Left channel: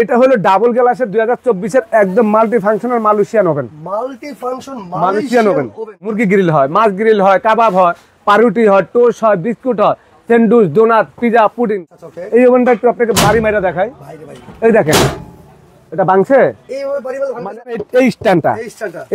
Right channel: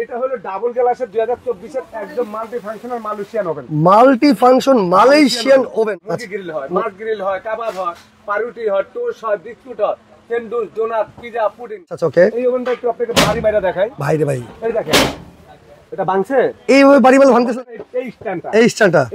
এটা হলো ডাবল গ্লাসের 2024 এর একদম multi functional Malaysian oven. Multi function Malaysian oven. মুরগি গ্রিল হয়, মাছ গ্রিল হয়, কাবাব হয়, পাউরুটি হয়, টোস্ট হয়, বিস্কুট হয়, স্যান্ডউইচ, ডোনাট, পিজা, পুডিং। আচ্ছা ওকে। এই ওভেনটা একটু আপনাকে বাড়ি মাইরা দেখাই। ভাই রে ভাই, এই দেখেন এটা ভাঙছে, এইভাবে বাড়ি মাইরা ভাঙতেছে। এই স্ট্যান্ডটা,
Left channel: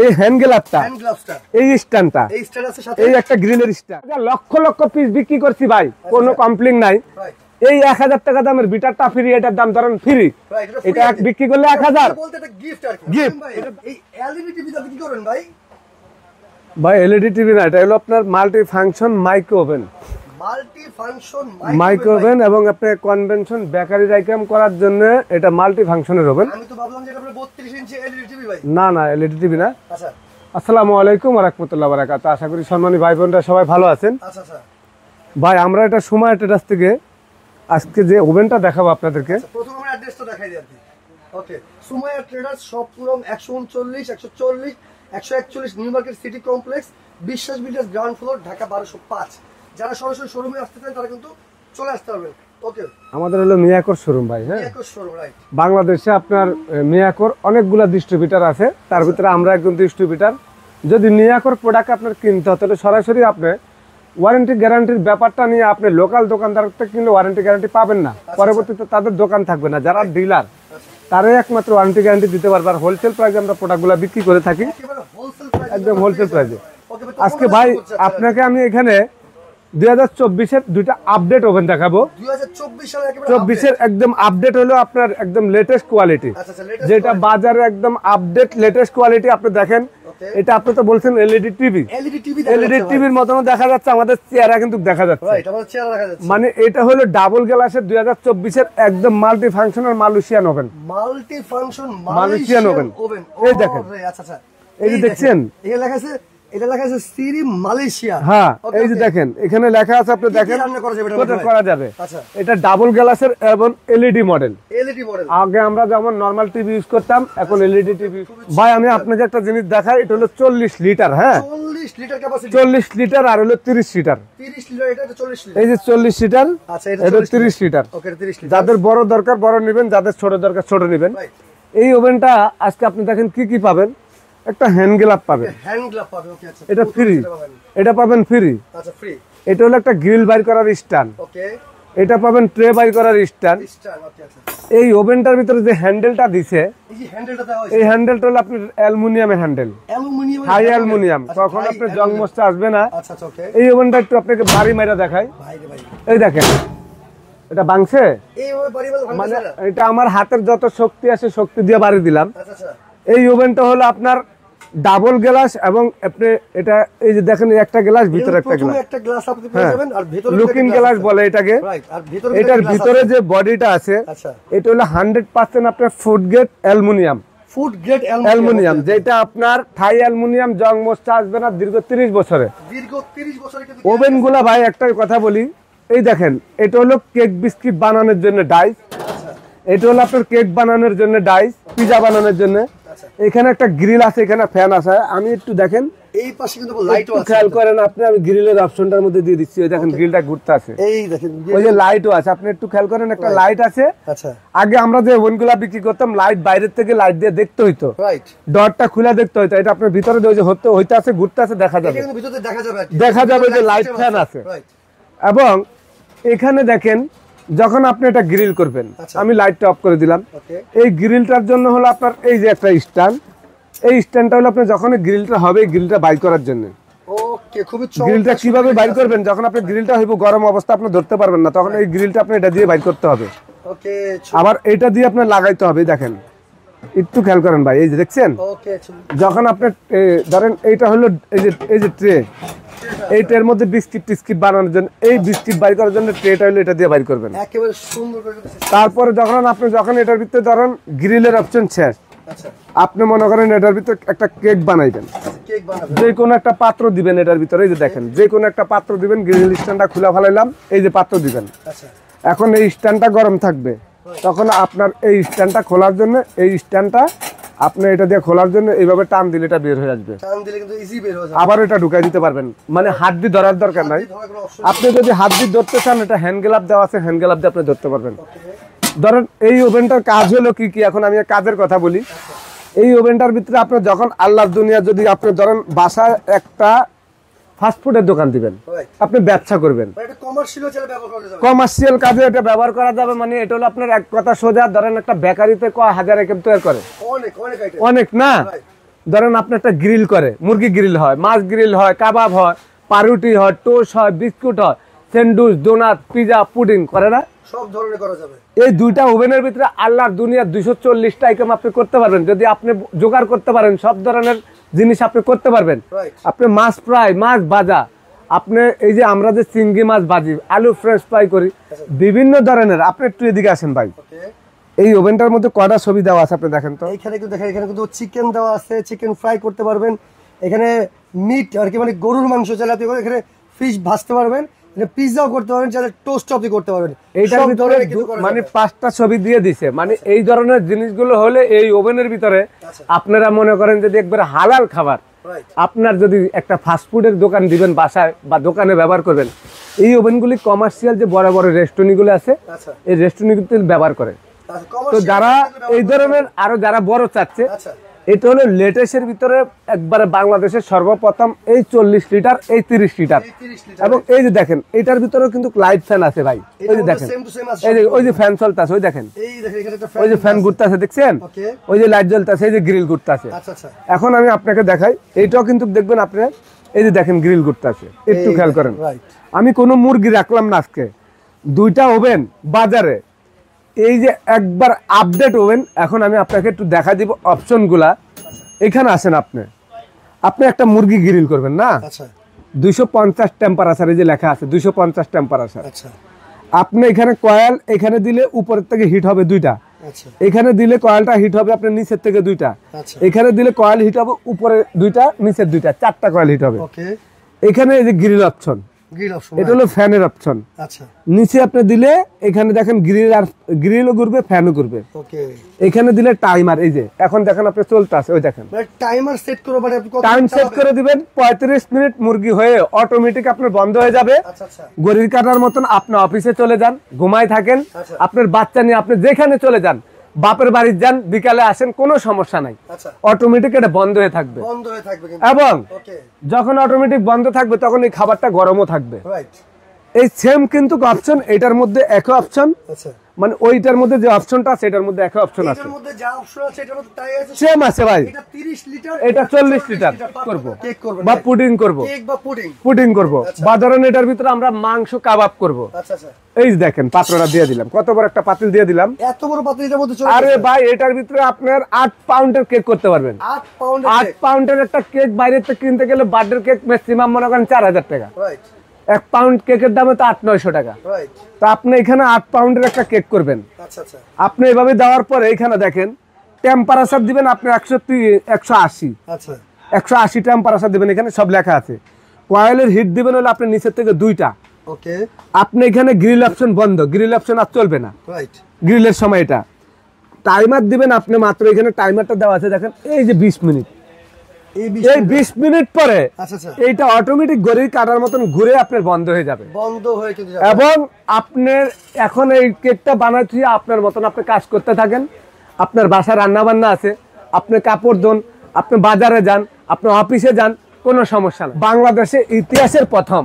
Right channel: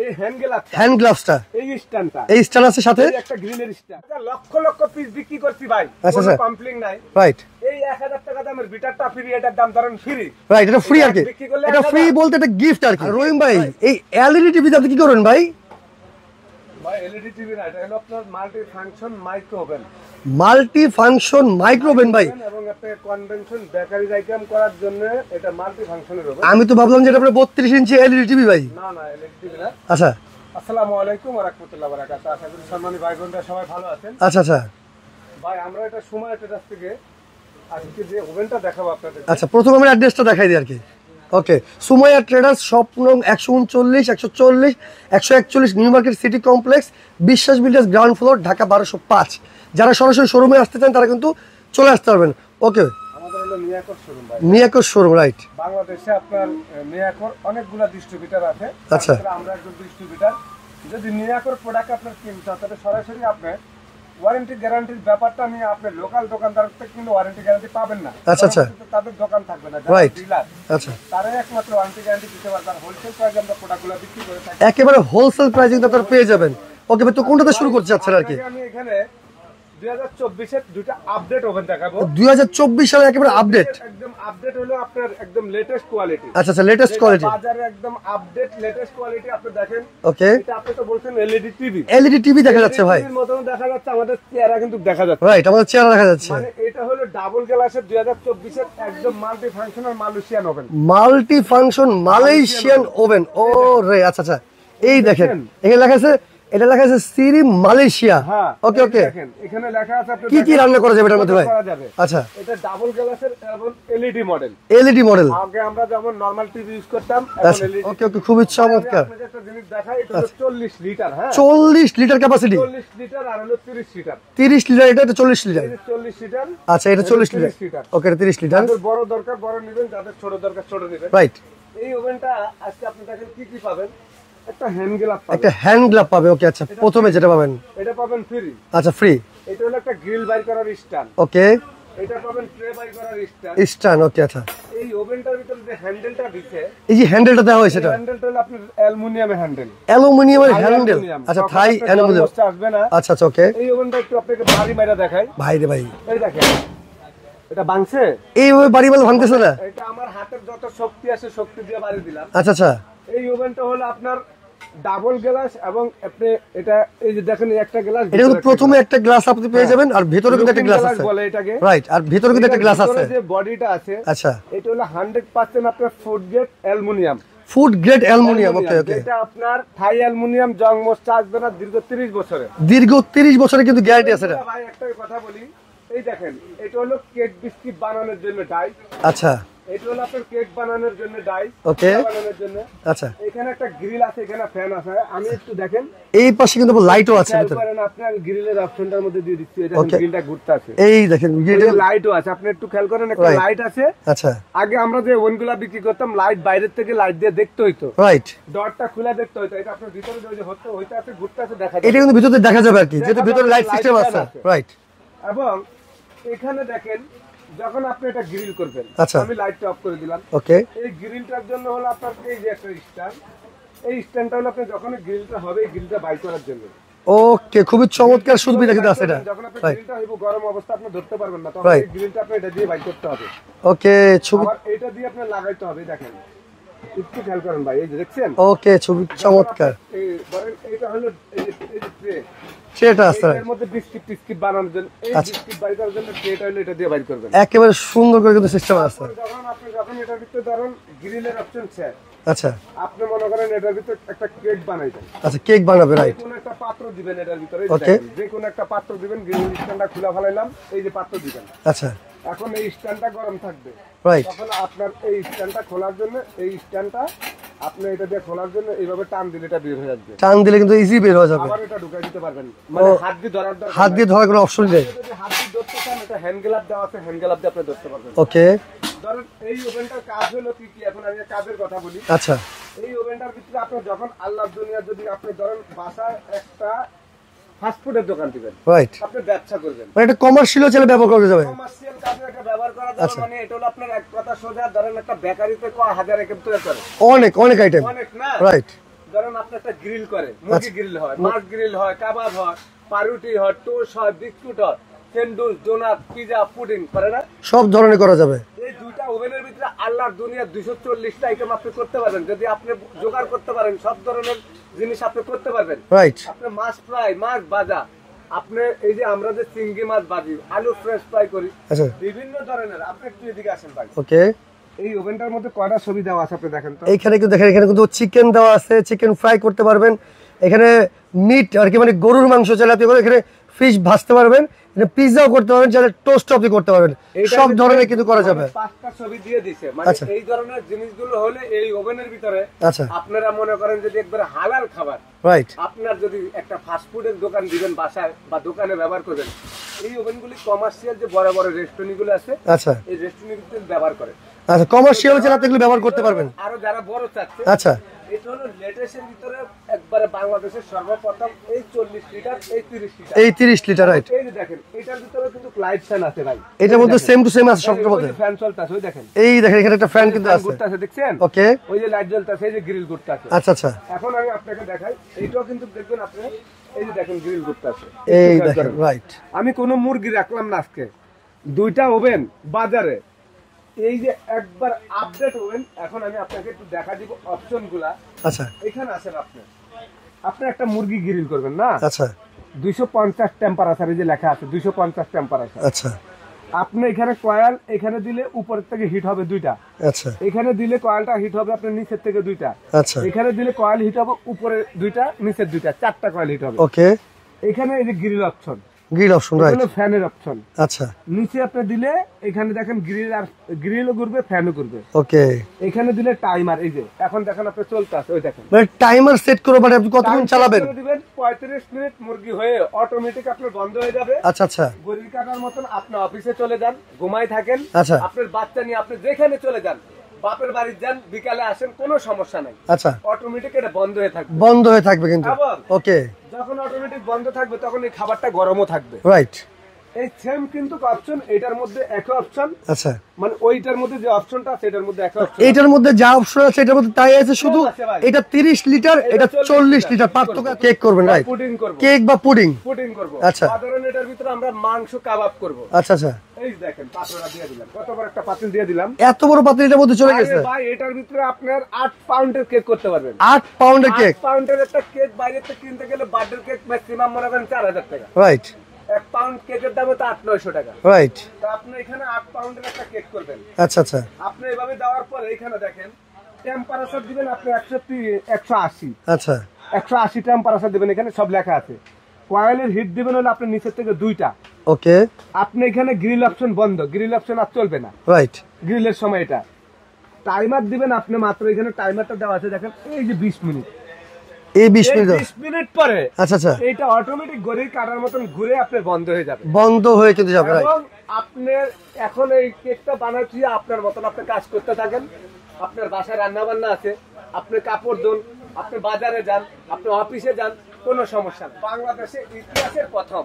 এই হ্যান্ড গ্লাভসটা, এই স্ট্যান্ডটা, এই স্ট্যান্ড আছে সাথে, এই একটা গ্রিলের স্ট্যান্ড। লক্ষ লক্ষ পিস বিক্রি করছি ভাই, কোনো কমপ্লেইন নাই। রাইট। এই 1000 টাকা দামের বিটারটা ফ্রি, এটার দাম ধরেন ফ্রি। রাইট, এটা ফ্রি আর বিক্রি করলে 1000 ফ্রি বলতে এটা গিফট আর কি। রহিম ভাই, এই এলইডি টিভি আপনি কি করেন ভাই? ভাই এলইডি টিভি না, এটা হলো আপনার multi function micro oven. Multi function micro oven এবং আপনি কনভেনশন বেকারির আইটেম করার জন্য এটা মাল্টি ফাংশনের ওভেন। আমি তো ভাবলাম যে এটা আপনার 32 ইঞ্চি এলইডি টিভি ভাই। না না, এলইডি টিভি না। আচ্ছা, আসসালামু আলাইকুম ওয়া রাহমাতুল্লাহি ওয়া বারাকাতুহু। আশা করি সম্মানিত ভাই বোনরা সবাই ভালো আছেন। আচ্ছা আচ্ছা ভাই আমরা এটা সুমাইয়া ট্রেডার্স থেকে আজকে যে ওভেনটা দেখাবো আপনাদেরকে। আচ্ছা, প্রথমে আমি অ্যাড্রেসটা দেখাই দিই আর কি। ওকে, সুমাইয়া ট্রেডার্স, শপ নং 139, 140, 141 নিউ মার্কেট সিটি কমপ্লেক্স, বিশ্বাস বিল্ডার্স, গ্রাউন্ড ফ্লোর, ঢাকা 1205। যারা সরাসরি শোরুমে আসতে চান তারা কিন্তু চলে আসতে পারবেন। ওকে, আমাদের হলো মিয়াকোর শোরুম ভাই। মিয়াকোর শোরুম, রাইট। বাংলাদেশে আপনার মিয়াকোর অনেকগুলা ডিস্ট্রিবিউটর আছে, তার ভিতরে আমরা একজন ডিস্ট্রিবিউটর। যদি মিয়াকোর প্রোডাক্ট আপনার কিনতে হয় তাহলে সরাসরি আপনি ওয়ারেন্টি গ্যারান্টির ব্যাপারটা নিয়ে আপনি লোকাল দোকানদার থেকে কিনলে ওয়ারেন্টি গ্যারান্টি পাবেন না, পরবর্তীতে তাদের দোকান থাকবে না, যারা ডিলার তারাই একমাত্র ওয়ারেন্টি গ্যারান্টি দিতে পারবে। আর হোলসেল প্রাইসে আমরা প্রোডাক্টগুলো বিক্রি করে থাকি, একেবারে হোলসেল প্রাইসে আপনারা পেয়ে যাবেন। ওকে, তো কোনটা শুরু করতে চাচ্ছেন? আপনাকে আমি এখানে 2024 এর দুইটা আপডেট ওভেন দেখাবো। 2024 সালে একেবারে আপডেট, একদম আপডেট হলো আপনার একদম লেটেস্ট কোয়ালিটি। আচ্ছা আচ্ছা, লেটেস্ট কোয়ালিটি, বাজারে একদম আপডেট লেটেস্ট কোয়ালিটি। আপনি দেখেন, ওকে, এটা আপনি তো বলছেন এলইডি টিভি, এলইডি টিভি দেখা যাচ্ছে ভাই, টিভির মতন দেখা যাচ্ছে, আমাদের চেহারা কিন্তু দেখা যাচ্ছে। রাইট, আমাদের চেহারা দেখা যাচ্ছে। মানে এটা হলো ডাবল গ্লাসের 2024 এর একদম multi functional Malaysian oven. Multi function Malaysian oven. ও রে, আচ্ছা আচ্ছা, এই দেখেন এখানে লেখা আছে, এটা লেখা আছে সিরি মালয়েশিয়া। হ্যাঁ, ওকে ওকে, দেখেন এখানে লেখা আছে, আপনি দেখেন কি রান্না করা যাবে এটার মধ্যে করা যাবে। আচ্ছা, এটা ডাবল গ্লাসের এবং এলইডি মডেল। এলইডি মডেল, আগে আমরা যেমন নরমাল টিভি ইউজ করতাম, এখন এলইডি টিভি। খুবই ভাই আমি আপনাকে একটা জিনিস দেখাই, এটা হলো 40 লিটার। হ্যাঁ, 40 লিটার ক্যাপাসিটি, 40 লিটার আর হলো 30 লিটার। 30 লিটার, এটা 40 লিটার। এই যে 40 লিটার, আচ্ছা, এটা 30 লিটার। ওকে, এটা 30 লিটার। যাদের বড় দরকার বড় নেবেন, যাদের ছোট দরকার ছোট নেবেন। রাইট। এই ওভেনটা আজকে আপনি দেখেন কি কি পাবেন। একটা হ্যান্ড গ্লাভ পাবেন, একটা হ্যান্ড গ্লাভ পাবে। ওকে, আচ্ছা, প্রথমে যেটা পাবেন এটা পাবেন ফ্রি। আচ্ছা, ফ্রি। এটা হলো একটা গ্রিল বাইর করার স্ট্যান্ড। ওকে, এটা পাবেন ট্রে বাইর করার স্ট্যান্ড। ওকে, আচ্ছা, এই ওভেনটার ভিতরে যে হ্যান্ডেলটা দিছে, এই যে হ্যান্ডেলটা দেওয়া হয়েছে, এই হ্যান্ডেলটা হলো আপনার অ্যালুমিনিয়ামের হ্যান্ডেল। অ্যালুমিনিয়ামের হ্যান্ডেল। আচ্ছা, থাই অ্যালুমিনিয়াম আসবে না। আচ্ছা আচ্ছা, ওকে। এই ওভেনটা একটু আপনাকে বাড়ি মাইরা দেখাই। ভাই রে ভাই, এই দেখেন এটা ভাঙছে, এইভাবে বাড়ি মাইরা ভাঙতেছে না। এটা আমার হাতের যত শক্তি আছে শক্তি দিয়ে বাড়ি দিলাম। আচ্ছা আচ্ছা, এই ওভেনটা হলো আপনার ডাবল গ্লাস এবং আপনি এটা এই যে দেখেন একটা গ্লাস, ভিতরে প্রথমে একটা গ্লাস আপনি পেয়ে যাবেন, আর ভিতরে কিন্তু একটা গ্লাস বলে এটাকে। রাইট, আর ভিতরে কিন্তু একটা গ্লাস আছে। ভিতরে যে বডিটা আছে, আচ্ছা, এটা হলো 100% আপনার food grade aluminium. Food grade aluminium, যেটা আপনার থাই অ্যালুমিনিয়াম, জং মশলা আসবে না দীর্ঘ 30 বছরে। দীর্ঘ 30 বছরে কিন্তু গ্যারান্টি আছে। ওভেনগুলো ভাই একটা কথা বলি, এই দেখেন এটা হলো কেক বিস্কিট বানানোর জন্য ডাইস। আচ্ছা, এটা হলো আপনার কেক বানানোর জন্য ডাইস, পিজা বানানোর জন্য। আচ্ছা, এখানে একটা গ্রিল আছে, এখানে ফ্যান আছে। আমি একটু দেখেন এই পাশে কিন্তু লাইটও আছে, খেয়াল করেন আপনি, আমি গ্রিলের অপশনটার মধ্যে দিয়ে দিচ্ছি। এই দেখেন গ্রিলটা ঘুরতে আছে, এই দেখেন গ্রিলের লাইটও আছে, আপনি একটু খেয়াল করেন একটা লাইট আছে। আচ্ছা, আগে আমরা যে ওভেনগুলো বিক্রি করতাম লাইট বাইরের থেকে লাইট দিয়ে দেখতে হইতো, রাইট, ডটটা খুলে দেখতে হইতো। এটা আপনার ভিতরে যে হইতে আছে ঘুরতে আছে দেখা যায়, এটা কিন্তু ভিতরে দেখা যাবে আর কি, দেখা যাবে লাইট ফ্যান আছে, রাইট। এবং এখানে দেখেন যখন আপনি এটা গ্রিল করবেন, আমি লাইটটা অফ করে দিলাম। ওকে, এই গ্রিলটার জন্য হলো আপনার এই যে একটা স্ট্যান্ড, এই স্ট্যান্ডটা হলো আপনি যখন গ্রিলটা হবে গ্রিলটা বাই করার জন্য। ওকে, খুবই চমৎকার। কিভাবে বাই করবেন, যখন আপনি গ্রিলটা হইব গরম অবস্থা আপনি ধরতে পারবেন না, তখন এই গ্রিলটা আপনি এটা দিয়ে বাই করতে হবে। ওকে, আবার এটা দিয়ে আপনি লাগাইতে হবে। দেখেন একটু খেয়াল করেন ভাই, এই যে দেখছেন। ওকে, ছবি যখন আপনি ধরেন এইটা হলো এই যে ট্রে, এইটার মধ্যে বিস্কিট টিস্কিট বানানোর জন্য, এই বিস্কিট বাই করার জন্য ট্রেটা হলো এটা দিয়ে বাই করবেন একেবারে সুন্দর করে কিন্তু সিস্টেম। তারপরে যখন এটার ভিতরে ধরেন গ্রিলের অপশন শেষ, আচ্ছা, আপনি মনে করেন এটার ভিতরে একটা কেক বানাইবেন। আচ্ছা, কেক বানাবেন, যে কোনো একটা পাত্র দিবেন এটার ভিতরে, এই যে দেখেন যে কোনো একটা পাত্র দিবেন, গ্রিল স্ট্যান্ডটা খুলে ফেলাইলাম, এই যে পাত্র দিবেন। আচ্ছা, এখন এই স্ট্যান্ডটা গরম থাকবে, তখন আপনার এই স্ট্যান্ডটা খোলার জন্য, এই স্ট্যান্ডটা আপনি এটা দিয়ে খোলার জন্য এইভাবে টান দিলে এটা বের হয়ে আসবে। টান দিলে কিন্তু ইজি বের হয়ে যাবে। আবার এটা ঢুকাই দিতে পারবেন, মানে হাত দিয়ে ধরার দরকার নাই, হাত দিয়ে ধরার কোনো অপশন নেই। আপনি যদি হাত দিয়ে ধরতে চান, এটা হ্যান্ড গ্লাভ দেওয়া আছে, হ্যান্ড গ্লাভ দিয়ে আপনি ধরতে পারবেন। ওকে, ধরেন এই ওভেনটার কাজ হলো কি কি, এখন আমি কাজের কথা বলি। আচ্ছা, এই ওভেনটার ভিতরে আপনার যখন আল্লাহর দুনিয়া, যদি আপনি ধরেন বাসায় একটা ফাস্টফুডের দোকান দিবেন, রাইট, আপনি ব্যবসা করবেন, এটা কমার্শিয়াল চলে ব্যবহার করা যাবে, কমার্শিয়াল কাজে এটা ব্যবহার করা যাবে। মানে এটা হলো আপনার এক কথা সোজা, ধরেন একটা বেকারিতে কয় হাজার আইটেম তৈরি করে, অনেক অনেক আইটেম, অনেক না, রাইট। ধরেন আপনি একটা গ্রিল করে, মুরগি গ্রিল হয়, মাছ গ্রিল হয়, কাবাব হয়, পাউরুটি হয়, টোস্ট হয়, বিস্কুট হয়, স্যান্ডউইচ, ডোনাট, পিজা, পুডিং করে না, সব ধরনের করা যাবে। এই দুইটা ওভেনের ভিতরে আল্লাহর দুনিয়ার 240টা আইটেম আপনি করতে পারবেন। যদি আপনি জোগাড় করতে পারেন, সব ধরনের জিনিস আপনি করতে পারবেন, রাইট। আপনি মাছ ফ্রাই, মাছ ভাজা, আপনি এই যে আমরা যে চিংড়ি মাছ ভাজি, আলু ফ্রেশ ফ্রাই করি, বিভিন্ন ধরনের। আপনি একটু এদিকে আসেন ভাই। ওকে, এই ওভেনটার মধ্যে কয়টা ছবি দেওয়া আছে আপনি দেখেন তো। এইখানে কিন্তু দেখেন, এখানে কিন্তু চিকেন দেওয়া আছে, চিকেন ফ্রাই করতে পারবেন। এখানে মিট আর কি, মানে গরুর মাংস চাইলে আপনি এখানে ফিশ ভাজতে পারবেন, পিৎজাও করতে পারবেন, চাইলে টোস্ট আপনি করতে পারবেন, সব ধরনের কিছু করা যাবে। 5টা ছবি দিয়ে দিছে, মানে এই ধরনের জিনিসগুলো হলে এই ওভেনের ভিতরে আপনারা মনে করেন যদি একবার হালাল খাবার, রাইট, আপনার যদি একটা ফাস্টফুডের দোকান দিবেন বাসায় বা দোকানে ব্যবহার করবেন, এই ওভেনগুলি কমার্শিয়াল যে বড় বড় রেস্টুরেন্টগুলো আছে, আচ্ছা, এই রেস্টুরেন্টগুলো ব্যবহার করে। আচ্ছা, কমার্শিয়াল ব্যবহার করতে পারবেন। আর যারা বড় চাচ্ছে, আচ্ছা, এটা হলো লেটেস্টের ভিতরে একবারে বাংলাদেশের সর্বপ্রথম এই 40 লিটার, এই 30 লিটার, এই 30 লিটার। এই যে দেখেন, এটার ভিতরে কিন্তু লাইট ফ্যান আছে ভাই, এটার মধ্যে সেম টু সেম আছে। ওই যে ফ্যান চলতেছে, ওই দেখেন, এই দেখেন এখানে একটা ফ্যান ঘুরতেছে, দেখছেন? ওকে, ওই যে লাইট জ্বলতেছে, এই যে গ্রিল ঘুরতেছে। আচ্ছা আচ্ছা, এখন আমি আপনাকে দেখাই, এইটাও কিন্তু দেখবেন আপনি, এই যে দেখেন গ্রিল ঘুরতেছে, একটু খেয়াল করেন, রাইট। আমি কোনো মুরগি রাখলাম না আজকে, দুইটা ওভেন বাজারে, এই যে একবার আপডেট ওভেন। এখন আমি আপনাকে একটু দেখা দিব অপশনগুলা। আচ্ছা, এখানে আসেন, আপনি একটা মুরগি গ্রিল করবেন না, আচ্ছা, 250 টেম্পারেচার, এই যে লেখা আছে 250 টেম্পারেচার। আচ্ছা, আপনি এখানে কয়েল এখানে দিলে উপরের থেকে হিট হবে 2টা, আচ্ছা, এখানে দিলে কয়েলটা হিট হবে আপনার নিচের থেকে 2টা, আচ্ছা, এখানে দিলে কয়েল হিট হবে উপরে 2টা, নিচের 2টা, 4টা কয়েল হিট হবে। ওকে, এখানে এই যে গ্রিল অপশন, গ্রিল অপশন, এটা হলো ফ্যানের অপশন। আচ্ছা, নিচে আপনি দিলে এখানে দেখেন গ্রিল, আর গ্রিলও ঘুরবে, ফ্যানও ঘুরবে। ওকে, এখানে দিলে টাইমার, এই যে এখন দেখেন আপনি চলতে আছে, ওই দেখেন, মানে টাইমার সেট করে, মানে আপনি কতক্ষণ চালাবেন করে দিবেন। 35 মিনিট মুরগি হয়ে অটোমেটিক আপনার বন্ধ হয়ে যাবে। আচ্ছা আচ্ছা, ঘড়ির কাঁটার মতন আপনি অফিসে চলে যান, ঘুমাই থাকেন, আচ্ছা, আপনার বাচ্চা নিয়ে আপনি যেখানে চলে যান, বাপের বাড়ি যান, বিকালে আসেন, কোনো সমস্যা নাই। আচ্ছা, অটোমেটিক এটা বন্ধ হয়ে থাকবে, বন্ধ হয়ে থাকবে কিন্তু। এবং ওকে, যখন অটোমেটিক বন্ধ থাকবে তখন এই খাবারটা গরমও থাকবে, রাইট। এই সেম কিন্তু অপশন এটার মধ্যে একই অপশন। আচ্ছা, মানে ওইটার মধ্যে যে অপশনটা আছে এটার মধ্যে একই অপশন, এটার মধ্যে যা অপশন আছে এটার মধ্যে তাই আছে, সেম আছে ভাই। এটা 30 লিটার, এটা 40 লিটার। পার্থক্য, কেক করবেন না, পুডিং করব, কেক বা পুডিং করব, বা ধরেন এটার ভিতরে আমরা মাংস কাবাব করব। আচ্ছা আচ্ছা, এই দেখেন পাত্রটা দিয়ে দিলাম, কত বড় একটা পাতিল দিয়ে দিলাম, এত বড় পাতিল এটার মধ্যে চলে গেছে। আরে ভাই, এটার ভিতরে আপনার 8 পাউন্ডের কেক করতে পারবেন। 8 পাউন্ডের কেক, 8 পাউন্ডের একটা কেক বাইরে থেকে কিনতে গেলে বার্থডে কেক ম্যাক্সিমাম মনে করেন 4000 টাকা, রাইট। 1 পাউন্ড কেকের দাম তো 800-900 টাকা, রাইট। তো আপনি এখানে 8 পাউন্ডের একটা কেক করবেন। আচ্ছা আচ্ছা, আপনি এভাবে দেওয়ার পরে এখানে দেখেন টেম্পারেচার দিবেন আপনি 180। আচ্ছা, 180 টেম্পারেচার দিবেন, এখানে সব লেখা আছে। কয়েলের হিট দিবেন হলো আপনি নিচের থেকে 2টা। ওকে, আপনি এখানে গ্রিল অপশন বন্ধ, গ্রিল অপশন আর চলবে না, রাইট। গ্রিলের সময় এটা টাইমার দিবেন আপনি, মাত্র এখানে টাইমারটা দেওয়া আছে দেখেন, এই যে 20 মিনিট, এই 20 মিনিট পরে, আচ্ছা আচ্ছা, এটা অটোমেটিক ঘড়ির কাঁটার মতন ঘুরে আপনার বন্ধ হয়ে যাবে, বন্ধ হয়ে কিন্তু যাবে। এবং আপনার এখন এই কেকটা বানাচ্ছি আপনার মতন আপনি কাজ করতে থাকেন, আপনার বাসায় রান্না বান্না আছে, আপনি কাপড় ধোন, আপনি বাজারে যান, আপনি অফিসে যান, কোনো সমস্যা নেই। বাংলাদেশে ইতিহাসের প্রথম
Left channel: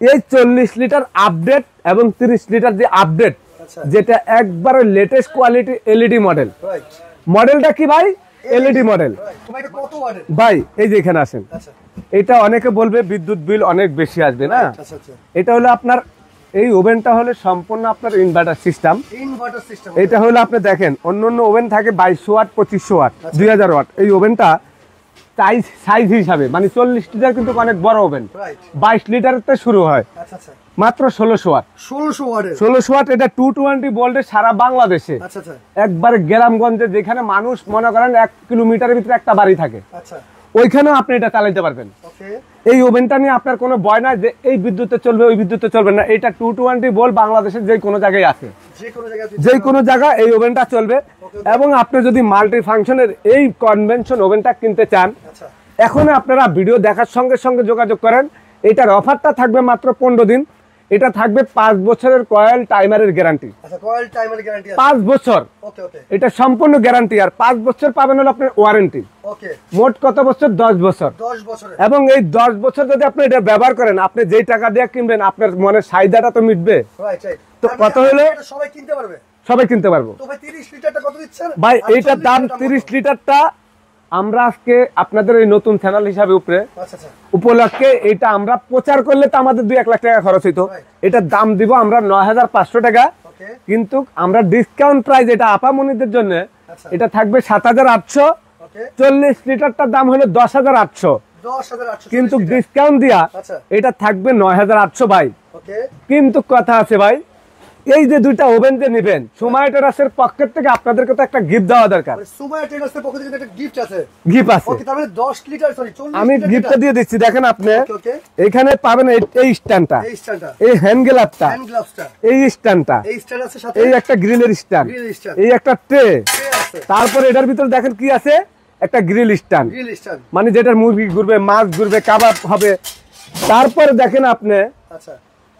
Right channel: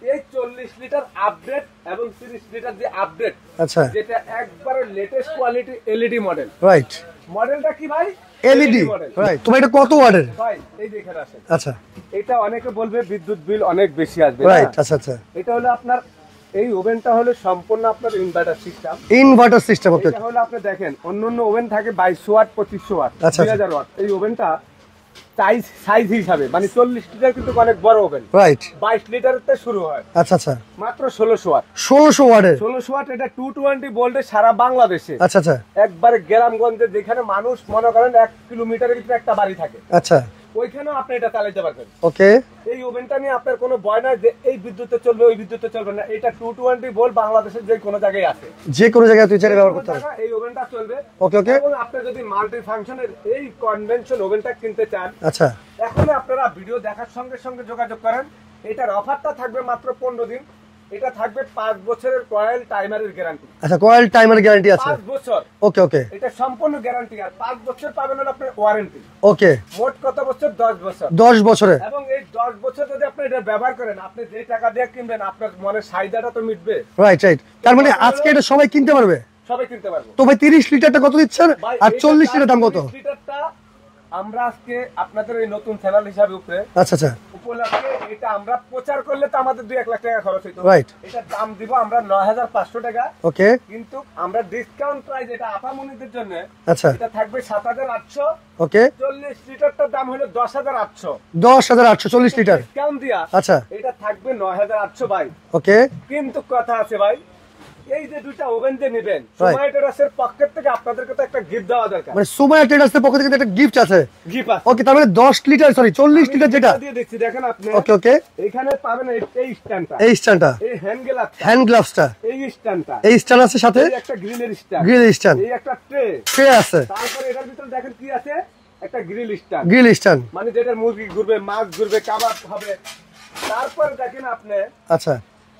এই 40 লিটার আপডেট এবং 30 লিটার যে আপডেট, আচ্ছা, যেটা একবারে latest quality LED model, right. মডেলটা কি ভাই? LED model. তো এটা কত ওয়াটের ভাই? এই যে এখানে আসেন। আচ্ছা, এটা অনেকে বলবে বিদ্যুৎ বিল অনেক বেশি আসবে, রাইট। আচ্ছা আচ্ছা, এটা হলো আপনার এই ওভেনটা হলো সম্পূর্ণ আপনার ইনভার্টার সিস্টেম, এটা হলো আপনি দেখেন অন্য ওভেন থাকে 2200 ওয়াট, 2500 ওয়াট, 2000 ওয়াট। এই ওভেনটা সাইজ হিসাবে মানে 40 লিটার কিন্তু অনেক বড় ওভেন, রাইট। 22 লিটারতে শুরু হয়। আচ্ছা আচ্ছা, মাত্র 1600 ওয়াট, 1600 ওয়াট। এটা 220 ভোল্টে সারা বাংলাদেশে, আচ্ছা আচ্ছা, একবারে গ্রামগঞ্জে যেখানে মানুষ মনে করেন 1 কিলোমিটারের ভিতরে একটা বাড়ি থাকে, আচ্ছা, ওইখানেও আপনি এটা চালাতে পারবেন। ওকে, এই ওভেনটা নিয়ে আপনার কোনো ভয় নাই যে এই বিদ্যুতে চলবে ওই বিদ্যুতে চলবে না। এটা 220 ভোল্ট বাংলাদেশের যে কোনো জায়গায় আছে, যে কোনো জায়গায় এই ওভেনটা চলবে। এবং আপনি যদি মাল্টি ফাংশনের এই কনভেনশন ওভেনটা কিনতে চান, আচ্ছা, এখন আপনারা ভিডিও দেখার সঙ্গে সঙ্গে যোগাযোগ করেন। এটার অফারটা থাকবে মাত্র 15 দিন। এটা থাকবে 5 বছরের কয়েল টাইমারের গ্যারান্টি। আচ্ছা, কয়েল টাইমার গ্যারান্টি আছে 5 বছর। ওকে ওকে, এটা সম্পূর্ণ গ্যারান্টি, আর 5 বছর পাবেন হলো আপনার ওয়ারেন্টি। ওকে, মোট কত বছর? 10 বছর। 10 বছরে। এবং এই 10 বছর যদি আপনি এটা ব্যবহার করেন, আপনি যেই টাকা দিয়ে কিনবেন আপনার মনের চাহিদাটা তো মিটবে। রাইট রাইট, তার মানে কত হলো? আজকে এটা সবাই কিনতে পারবে? সবাই কিনতে পারবো। তো ভাই 30 লিটারটা কত দিচ্ছেন? ভাই আর এইটার 40 দাম লিটার দাম কত? 30 লিটারটা আমরা আজকে আপনাদের এই নতুন চ্যানেল হিসাবে উপরে আচ্ছা আচ্ছা, উপলক্ষে এটা আমরা প্রচার করলে তো আমাদের 2-1 লাখ টাকা খরচ হইতো। Right. এটার দাম দিব আমরা 9500 টাকা। ওকে, কিন্তু আমরা ডিসকাউন্ট প্রাইস এটা আপামনিদের জন্য আচ্ছা, এটা থাকবে 7800। ওকে, 40 লিটারটার দাম হলো 10800। 10,840 লিটার ডিসকাউন্ট দিয়া আচ্ছা, এটা থাকবে 9800 ভাই। ওকে, কিন্তু কথা আছে ভাই, এই যে দুইটা ওভেন যে নিবেন, সুমাইয়া ট্রেডার্সের পকেট থেকে আপনাদেরকে তো একটা গিফট দেওয়া দরকার। মানে সুমাইয়া ট্রেডার্সের পক্ষ থেকে একটা গিফট আছে। গিফট আছে। ওকে, তার মানে 10 লিটার সরি 40 আমি লিটার যেটা গিফটটা দিয়ে দিচ্ছি, দেখেন আপনি। ওকে ওকে, এখানে পাবেন এই স্ট্যান্ডটা, এই স্ট্যান্ডটা, এই হ্যান্ড গ্লাভটা, হ্যান্ড গ্লাভসটা, এই স্ট্যান্ডটা, এই স্ট্যান্ড আছে সাথে, এই একটা গ্রিলের স্ট্যান্ড, গ্রিল স্ট্যান্ড, এই একটা ট্রে আছে। তারপর এটার ভিতরে দেখেন কি আছে, একটা গ্রিল স্ট্যান্ড, গ্রিল স্ট্যান্ড, মানে যেটার মুরগি ঘুরবে, মাছ ঘুরবে, কাবাব হবে। তারপরে দেখেন আপনি আচ্ছা,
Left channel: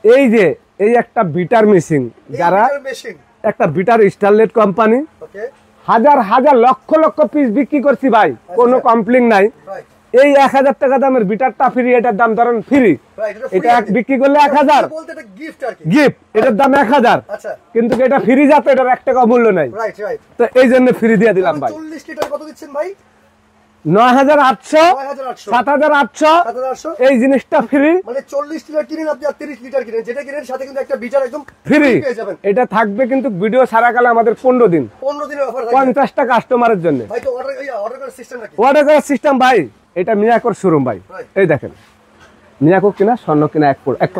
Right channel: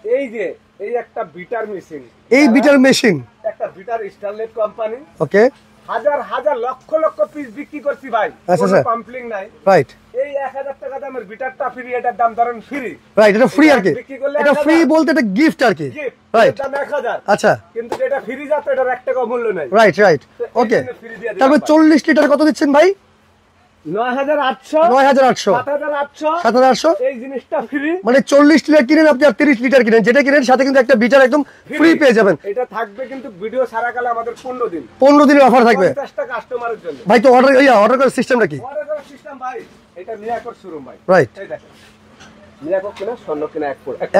এই যে এই একটা বিটার মেশিন, এই বিটার মেশিন, একটা বিটার স্টারলেট কোম্পানি, ওকে, হাজার হাজার লক্ষ লক্ষ পিস বিক্রি করছি ভাই, কোনো আচ্ছা। কমপ্লেইন নাই। রাইট এই 1000 টাকা দামের বিটারটা ফ্রি, এটার দাম ধরেন ফ্রি। রাইট, এটা ফ্রি আর কি, বিক্রি করলে এটা 1000 free বলতে এটা গিফট আর কি, গিফট, এটার দাম 1000। আচ্ছা, কিন্তু এটা ফ্রি যাতে এটার 1 টাকা মূল্য নাই। রাইট রাইট, তো এই জন্য ফ্রি দিয়ে দিলাম। তারপর 40 লিটার কত দিচ্ছেন ভাই? 9800, 9800, 7800, 7800, এই জিনিসটা ফ্রি। মানে 40 লিটার কিনেন আপনি আর 30 লিটার কিনেন, যেটা কিনেন সাথে কিন্তু একটা বিটার একদম ফ্রি পেয়ে যাবেন। এটা থাকবে কিন্তু ভিডিও সারাকালে আমাদের 15 দিন, 15 দিনের অফার থাকবে 50টা কাস্টমারের জন্য। ভাই। তো অর্ডার করার সিস্টেমটা কি? অর্ডার করার সিস্টেম ভাই, এটা মিয়াকোর শোরুম ভাই। রাইট, এই দেখেন, মিয়াকো কিনা স্বর্ণ কিনা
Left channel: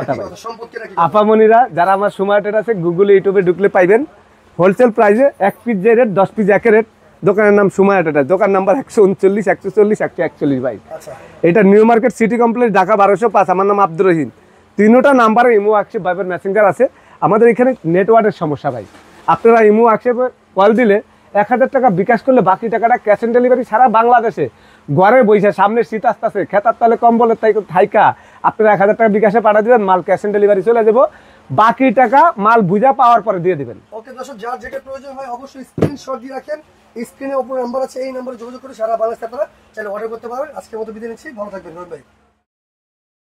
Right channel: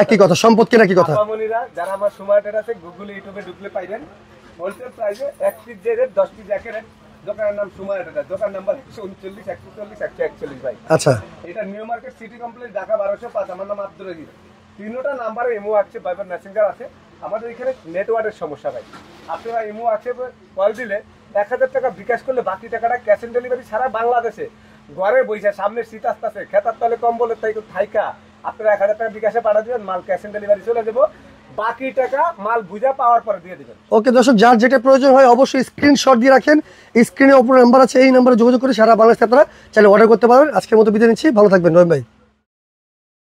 একই কথা, সম্পদ কিনা কি কথা। আপামনিরা যারা আমার সুমাইয়া ট্রেডার্স আছে, গুগলে ইউটিউবে ঢুকলে পাইবেন হোলসেল প্রাইসে 1 পিস যে রেট, 10 পিস একই রেট। দোকানের নাম সুমাইয়া ট্রেডার্স, দোকান নাম্বার 139, 140, 141 ভাই। আচ্ছা, এটা new market city complex, Dhaka 1205। আমার নাম আব্দুর রহিম। তিনটা নাম্বারে ইমো হোয়াটসঅ্যাপ ভাইবার মেসেঞ্জার আছে। আমাদের এখানে নেটওয়ার্কের সমস্যা ভাই, আপনারা ইমো হোয়াটসঅ্যাপে কল দিলে 1000 টাকা বিকাশ করলে বাকি টাকাটা ক্যাশ অন ডেলিভারি সারা বাংলাদেশে ঘরে বইসা, সামনে শীত আসতেছে, খেতার তালে কম্বলের তাই থাইকা আপনারা 1000 টাকা বিকাশে পাঠিয়ে দিবেন, মাল ক্যাশ অন ডেলিভারি চলে যাবো, বাকি টাকা মাল বুঝা পাওয়ার পরে দিয়ে দিবেন। ওকে দর্শক, যার যেটা প্রয়োজন হয় অবশ্যই স্ক্রিনশট দিয়ে রাখেন। স্ক্রিনে অপর নাম্বার আছে, এই নাম্বারে যোগাযোগ করে সারা বাংলাদেশে আপনারা চাইলে অর্ডার করতে পারবেন। আজকের মতো বিদায় নিচ্ছি, ভালো থাকবেন রহিম ভাই।